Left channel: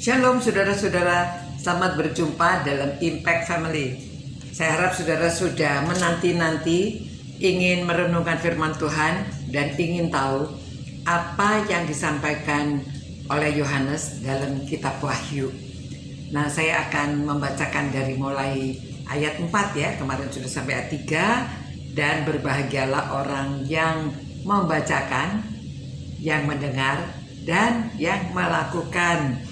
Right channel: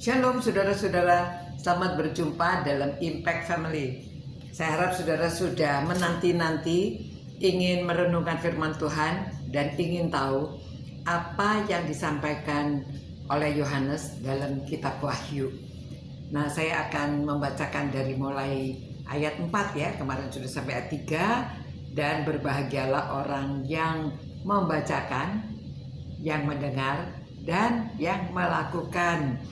Shalom saudara-saudara, selamat berjumpa dalam Impact Family. Saya harap saudara sudah menanti-nanti ingin merenungkan firman Tuhan dan ingin tahu apa yang disampaikan oleh Yohanes dalam kitab Wahyu. Nah, saya akan membacakan dari mulai ayat 4 ya, kemarin sudah sampai ayat 3. Dan berbahagialah orang yang membacakan, yang mendengar, dan yang melakukan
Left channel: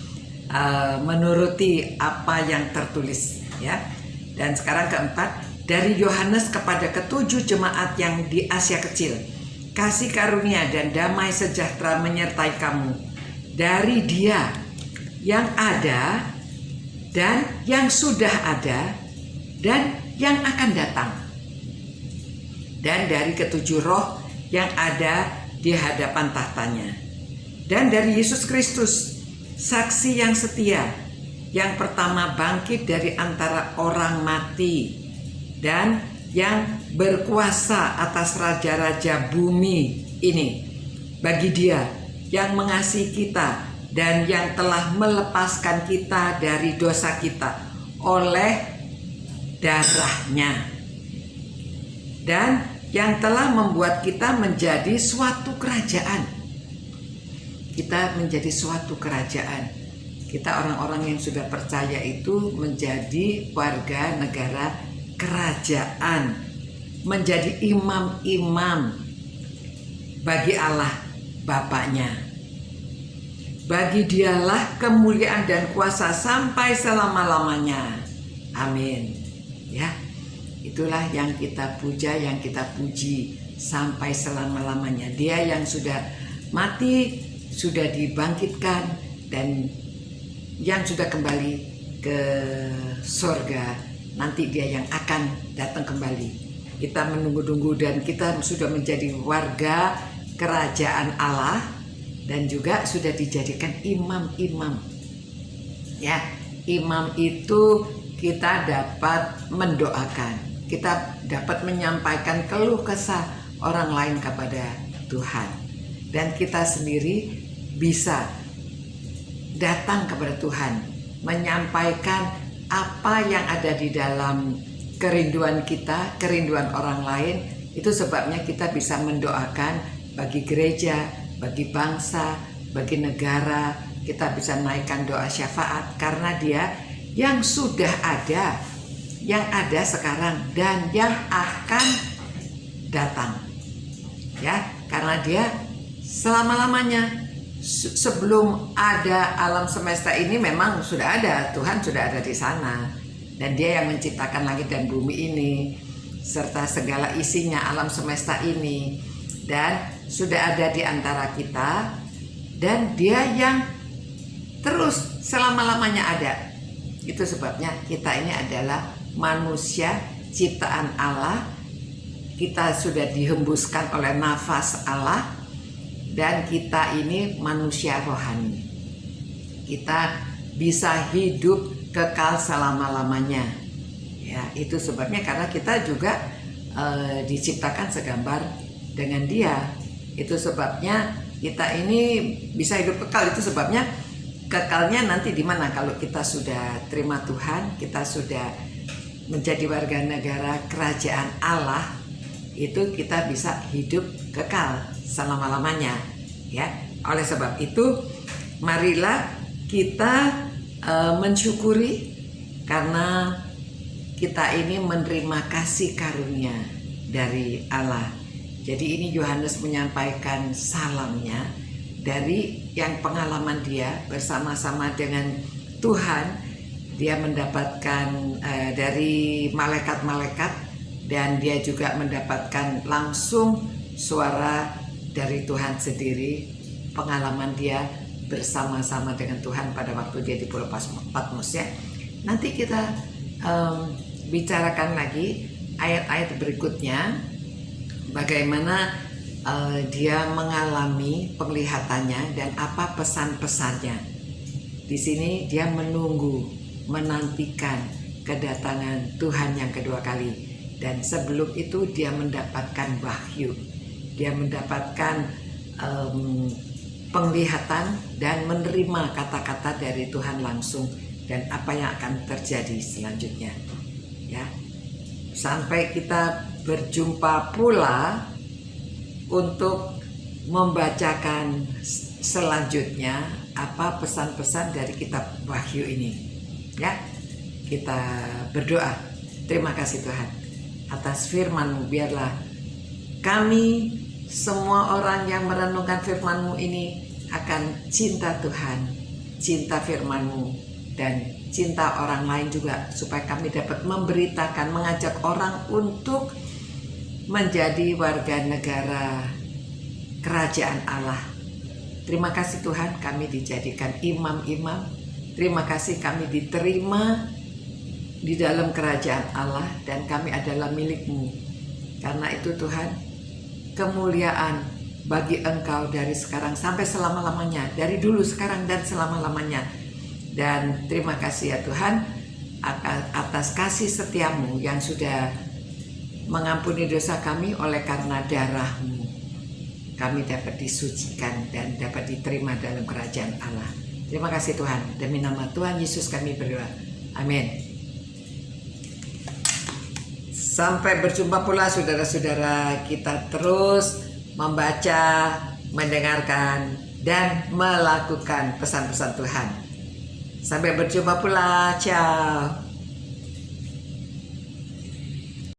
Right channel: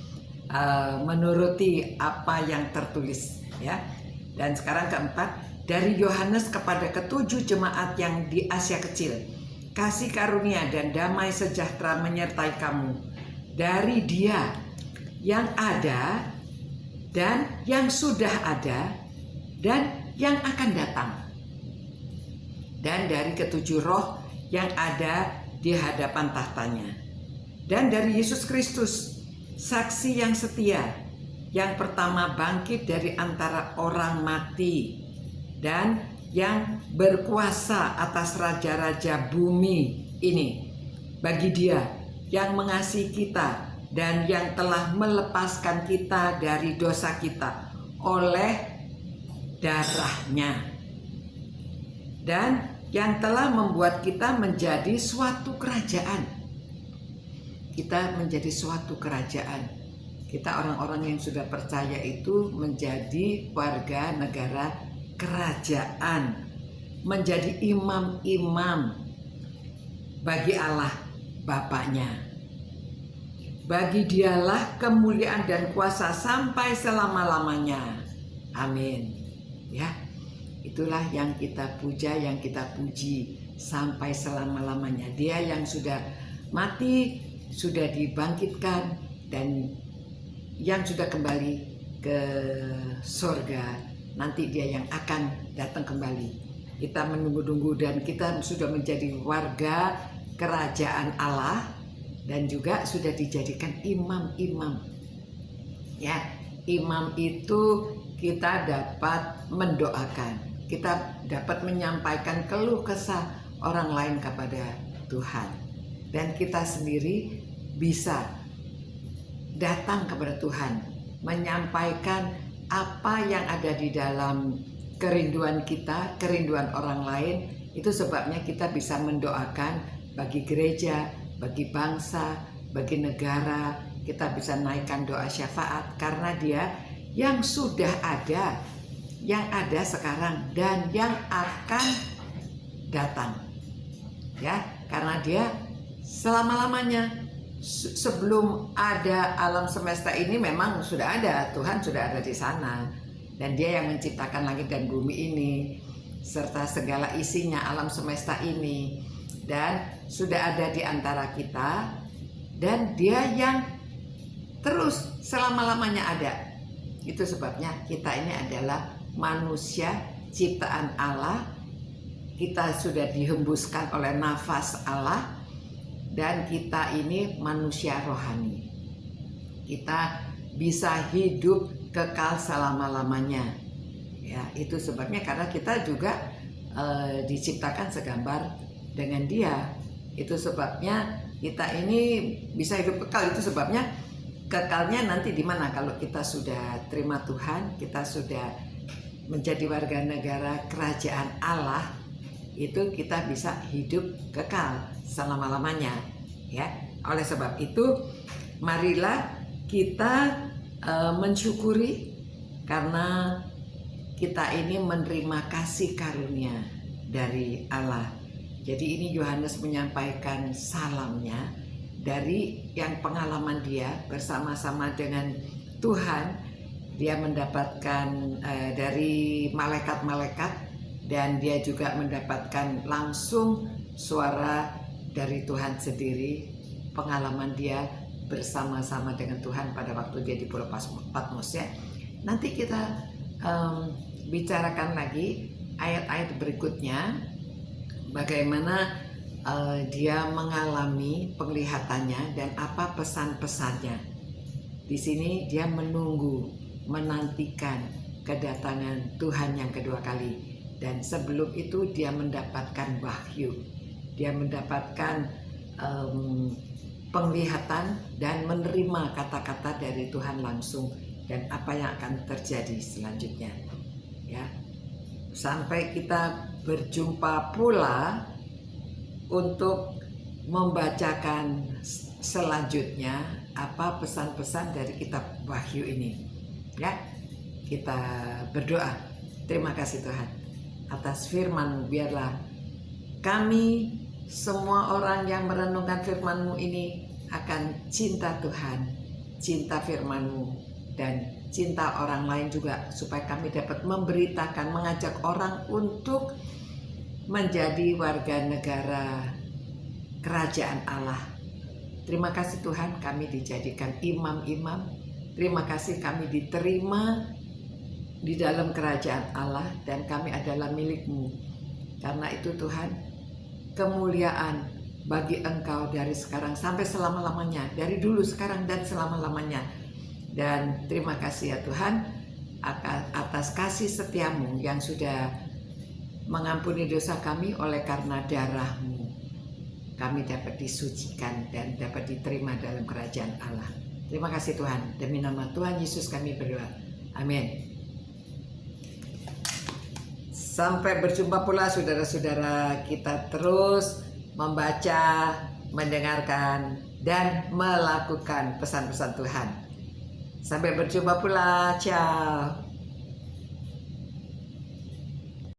menuruti apa yang tertulis ya. Dan sekarang keempat, dari Yohanes kepada ketujuh jemaat yang di Asia Kecil, kasih karunia dan damai sejahtera menyertai kamu dari Dia yang ada dan yang sudah ada dan yang akan datang, dan dari ketujuh roh yang ada di hadapan tahtanya, dan dari Yesus Kristus, saksi yang setia, yang pertama bangkit dari antara orang mati, dan yang berkuasa atas raja-raja bumi ini. Bagi Dia yang mengasihi kita dan yang telah melepaskan kita dari dosa kita oleh darahnya, dan yang telah membuat kita menjadi suatu kerajaan. Kita menjadi suatu kerajaan. Kita orang-orang yang sudah percaya itu menjadi warga negara kerajaan, menjadi imam-imam bagi Allah Bapaknya. Bagi Dialah kemuliaan dan kuasa sampai selama-lamanya. Amin. Ya. Itulah yang kita puja, yang kita puji sampai selama-lamanya. Dia yang sudah mati, sudah dibangkitkan, dan yang sudah kembali ke sorga. Nanti Dia yang akan datang kembali. Kita menunggu-nunggu dan kita sudah menjadi warga kerajaan Allah dan juga sudah dijadikan imam-imam. Ya, imam itu kita dapat mendoakan. Kita dapat menyampaikan keluh kesah orang lain kepada Tuhan. Dan kita sendiri bisa datang kepada Tuhan, menyampaikan apa yang ada di dalam kerinduan kita, kerinduan orang lain. Itu sebabnya kita bisa mendoakan bagi gereja, bagi bangsa, bagi negara. Kita bisa naikkan doa syafaat karena Dia yang sudah ada, yang ada sekarang, dan yang akan datang. Ya, karena Dia selama-lamanya. Sebelum ada alam semesta ini memang sudah ada, Tuhan sudah ada di sana. Dan Dia yang menciptakan langit dan bumi ini serta segala isinya, alam semesta ini, dan sudah ada di antara kita. Dan Dia yang terus selama-lamanya ada. Itu sebabnya kita ini adalah manusia ciptaan Allah. Kita sudah dihembuskan oleh nafas Allah, dan kita ini manusia rohani. Kita bisa hidup kekal selama-lamanya. Ya, itu sebabnya karena kita juga diciptakan segambar dengan Dia. Itu sebabnya kita ini bisa hidup kekal. Itu sebabnya kekalnya nanti di mana? Kalau kita sudah terima Tuhan, kita sudah menjadi warga negara kerajaan Allah, itu kita bisa hidup kekal selama-lamanya ya. Oleh sebab itu marilah kita mensyukuri karena kita ini menerima kasih karunia dari Allah. Jadi ini Yohanes menyampaikan salamnya dari yang pengalaman dia bersama-sama dengan Tuhan. Dia mendapatkan dari malaikat-malaikat, dan dia juga mendapatkan langsung suara dari Tuhan sendiri, pengalaman dia bersama-sama dengan Tuhan pada waktu dia di Pulau Patmos ya. Nanti kita bicarakan lagi ayat-ayat berikutnya, bagaimana dia mengalami penglihatannya dan apa pesan-pesannya. Di sini dia menunggu, menantikan kedatangan Tuhan yang kedua kali. Dan sebelum itu dia mendapatkan wahyu, dia mendapatkan penglihatan dan menerima kata-kata dari Tuhan langsung dan apa yang akan terjadi selanjutnya. Ya. Sampai kita berjumpa pula untuk membacakan selanjutnya apa pesan-pesan dari kitab Wahyu ini. Ya. Kita berdoa. Terima kasih Tuhan atas firman-Mu. Biarlah kami semua orang yang merenungkan firman-Mu ini akan cinta Tuhan, cinta firman-Mu, dan cinta orang lain juga, supaya kami dapat memberitakan, mengajak orang untuk menjadi warga negara kerajaan Allah. Terima kasih Tuhan, kami dijadikan imam-imam. Terima kasih kami diterima di dalam kerajaan Allah dan kami adalah milik-Mu. Karena itu Tuhan, kemuliaan bagi Engkau dari sekarang sampai selama-lamanya, dari dulu, sekarang, dan selama-lamanya. Dan terima kasih ya Tuhan atas kasih setia-Mu yang sudah mengampuni dosa kami. Oleh karena darah-Mu kami dapat disucikan dan dapat diterima dalam kerajaan Allah. Terima kasih Tuhan, demi nama Tuhan Yesus kami berdoa, amin. Sampai berjumpa pula saudara-saudara, kita terus membaca, mendengarkan, dan melakukan pesan-pesan Tuhan. Sampai berjumpa pula, ciao.